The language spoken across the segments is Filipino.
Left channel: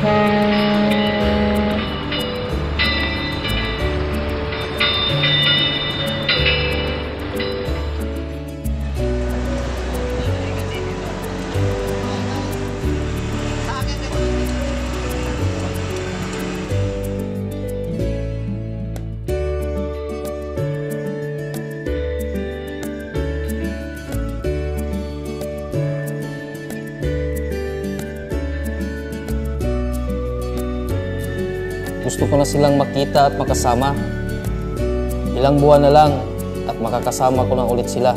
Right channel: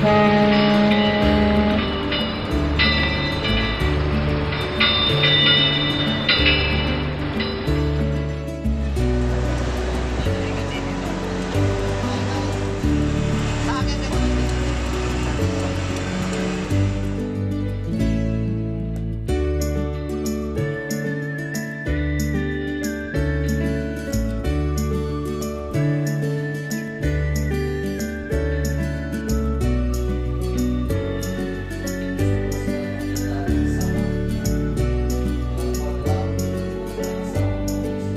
Gusto ko na silang makita at makasama. Ilang buwan na lang at makakasama ko na ulit sila.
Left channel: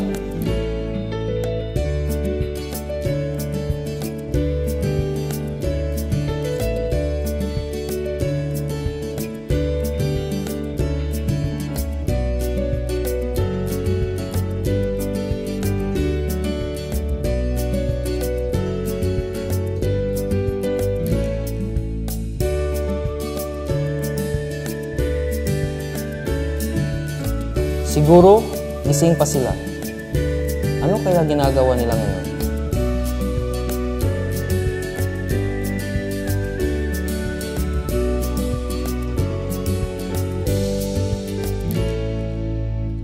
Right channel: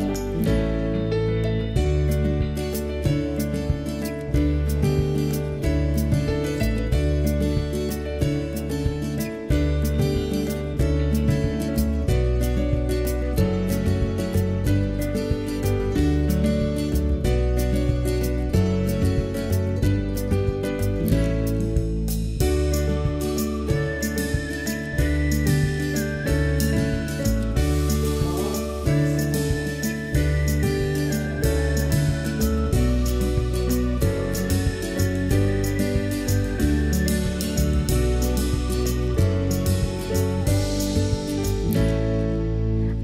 Siguro, gising pa sila. Ano kaya ginagawa nila ngayon?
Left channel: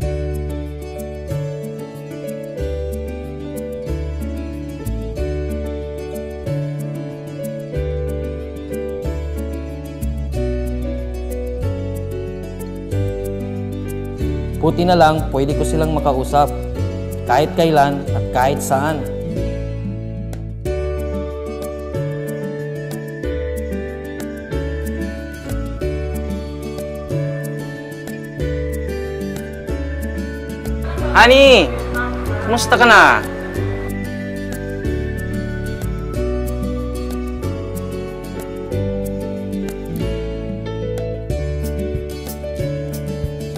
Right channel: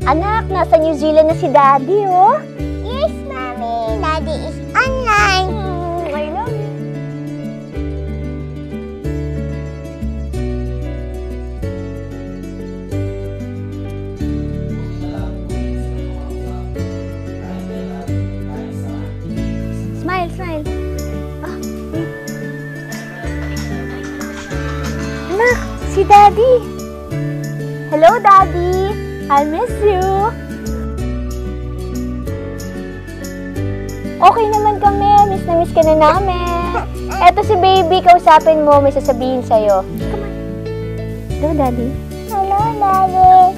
Anak, nasa New Zealand na si Daddy, oh. Yes, Mommy. Daddy is online. I love you. Buti na lang, pwede ko silang makausap. Kahit kailan at kahit saan. Smile, smile. Anak, si Daddy. Hello, Daddy. I miss you. Honey! Kumusta ka na? Okay naman kami. Miss na miss ka na namin. Eto si Baby, kausapin mo. May sasabihin sa'yo. Come on. Hello, Daddy. Hello, Daddy.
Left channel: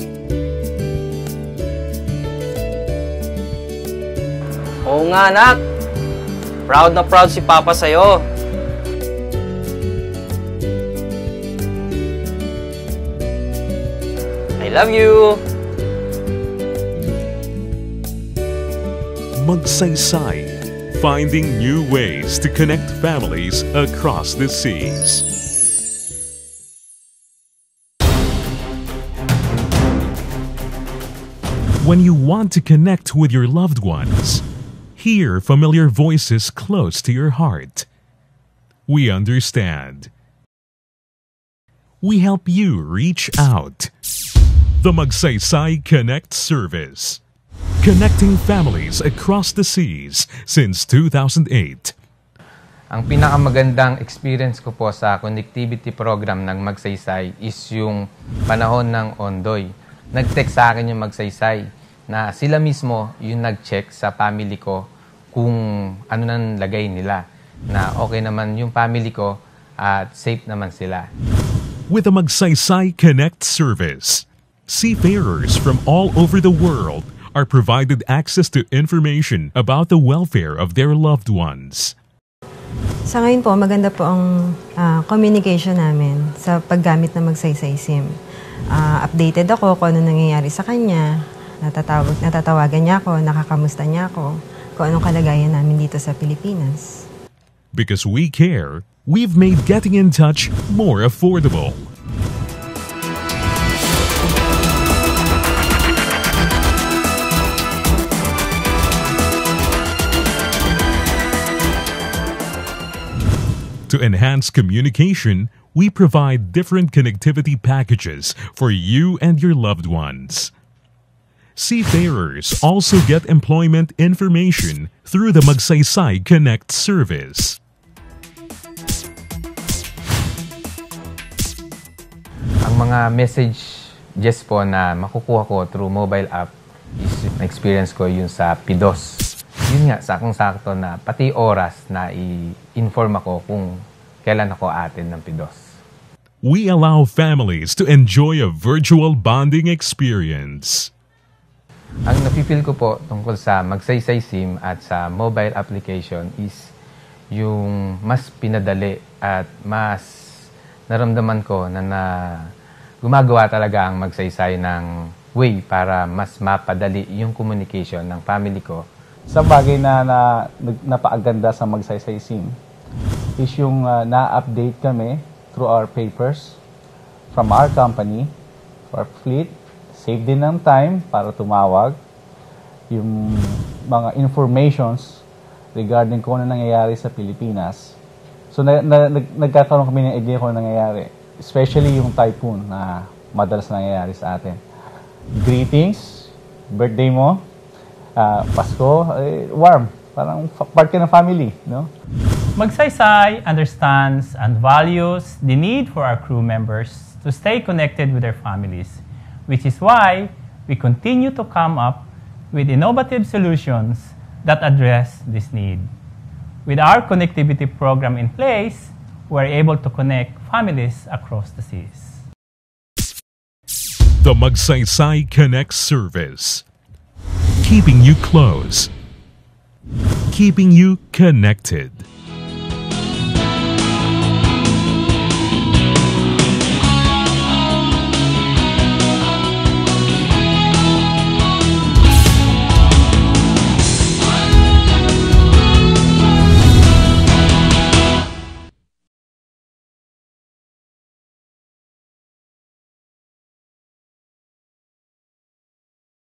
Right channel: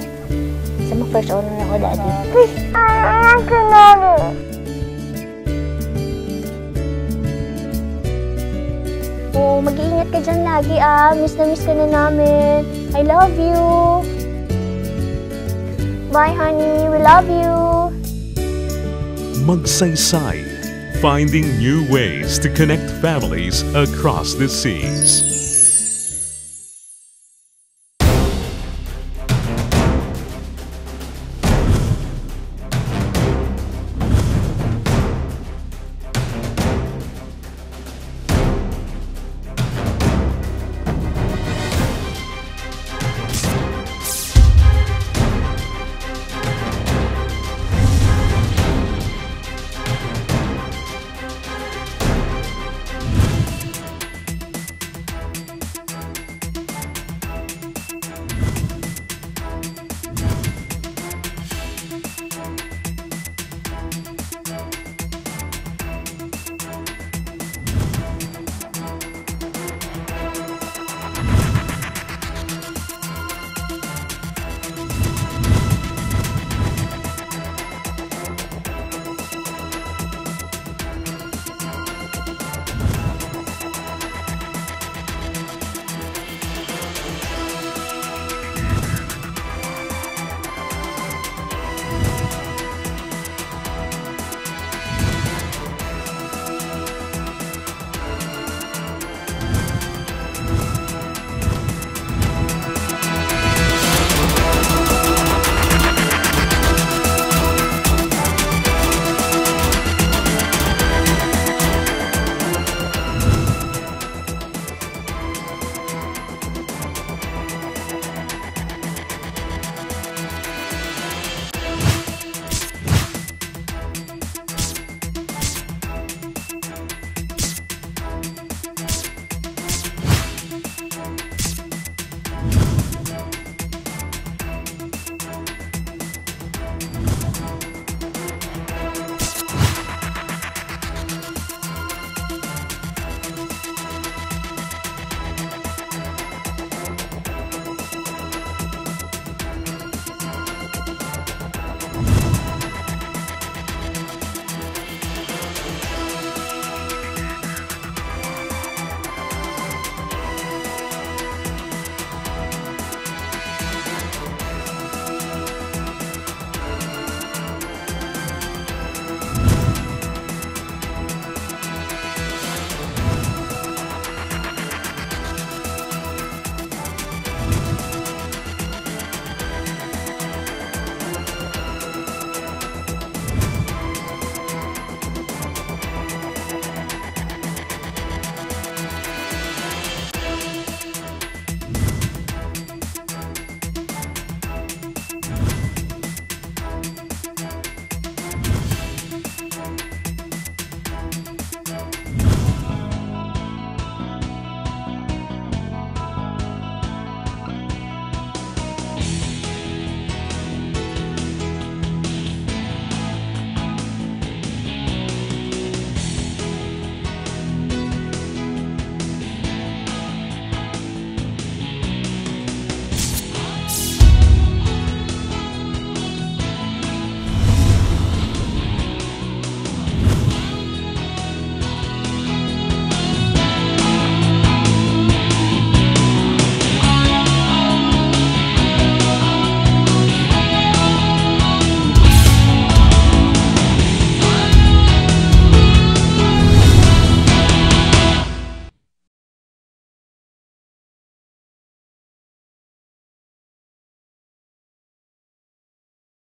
First honor ako, Daddy. Oo nga, anak. Proud na proud si Papa sa'yo. Oh, mag-iingat ka dyan lagi, ah. Miss na miss ka na namin. I love you. I love you. Bye, honey. We love you. Magsaysay, finding new ways to connect families across the seas. When you want to connect with your loved ones, hear familiar voices close to your heart. We understand. We help you reach out. The Magsaysay Connect Service. Connecting families across the seas since 2008. Ang pinakamagandang experience ko po sa connectivity program ng Magsaysay is yung panahon ng Ondoy. Nag-text sa akin yung Magsaysay na sila mismo yung nag-check sa family ko kung ano nang lagay nila. Na okay naman yung family ko at safe naman sila. With the Magsaysay Connect service, seafarers from all over the world are provided access to information about the welfare of their loved ones. Sa ngayon po, maganda po ang communication namin sa paggamit ng Magsaysay SIM. Updated ako kung ano nangyayari sa kanya, natatawagan niya ako, nakakamusta niya ako, kung anong kalagayan namin dito sa Pilipinas. Because we care, we've made getting in touch more affordable. To enhance communication, we provide different connectivity packages for you and your loved ones. Seafarers also get employment information through the Magsaysay Connect service. Ang mga messages po na makukuha ko through mobile app, experience ko yun sa PIDOS. Yun nga, sakong-sakto na pati oras na i-inform ako kung kailan ako aatin yung PIDOS. We allow families to enjoy a virtual bonding experience. Ang napipil ko po tungkol sa Magsaysay SIM at sa mobile application is yung mas pinadali at mas naramdaman ko na gumagawa talaga ang Magsaysay ng way para mas mapadali yung communication ng family ko. Sa bagay na napaaganda sa Magsaysay SIM, is yung na-update kami through our papers from our company. But it save din ng time para tumawag. Yung mga informations regarding kung ano nangyayari sa Pilipinas. So nagkakaroon kami ng idea kung ano nangyayari. Especially yung typhoon na madalas nangyayari sa atin. Greetings, birthday mo, Pasko, warm. Parang part ka ng family, no? Magsaysay understands and values the need for our crew members to stay connected with their families, which is why we continue to come up with innovative solutions that address this need. With our connectivity program in place, we are able to connect families across the cities. The Magsaysay Connect service. Keeping you close. Keeping you connected.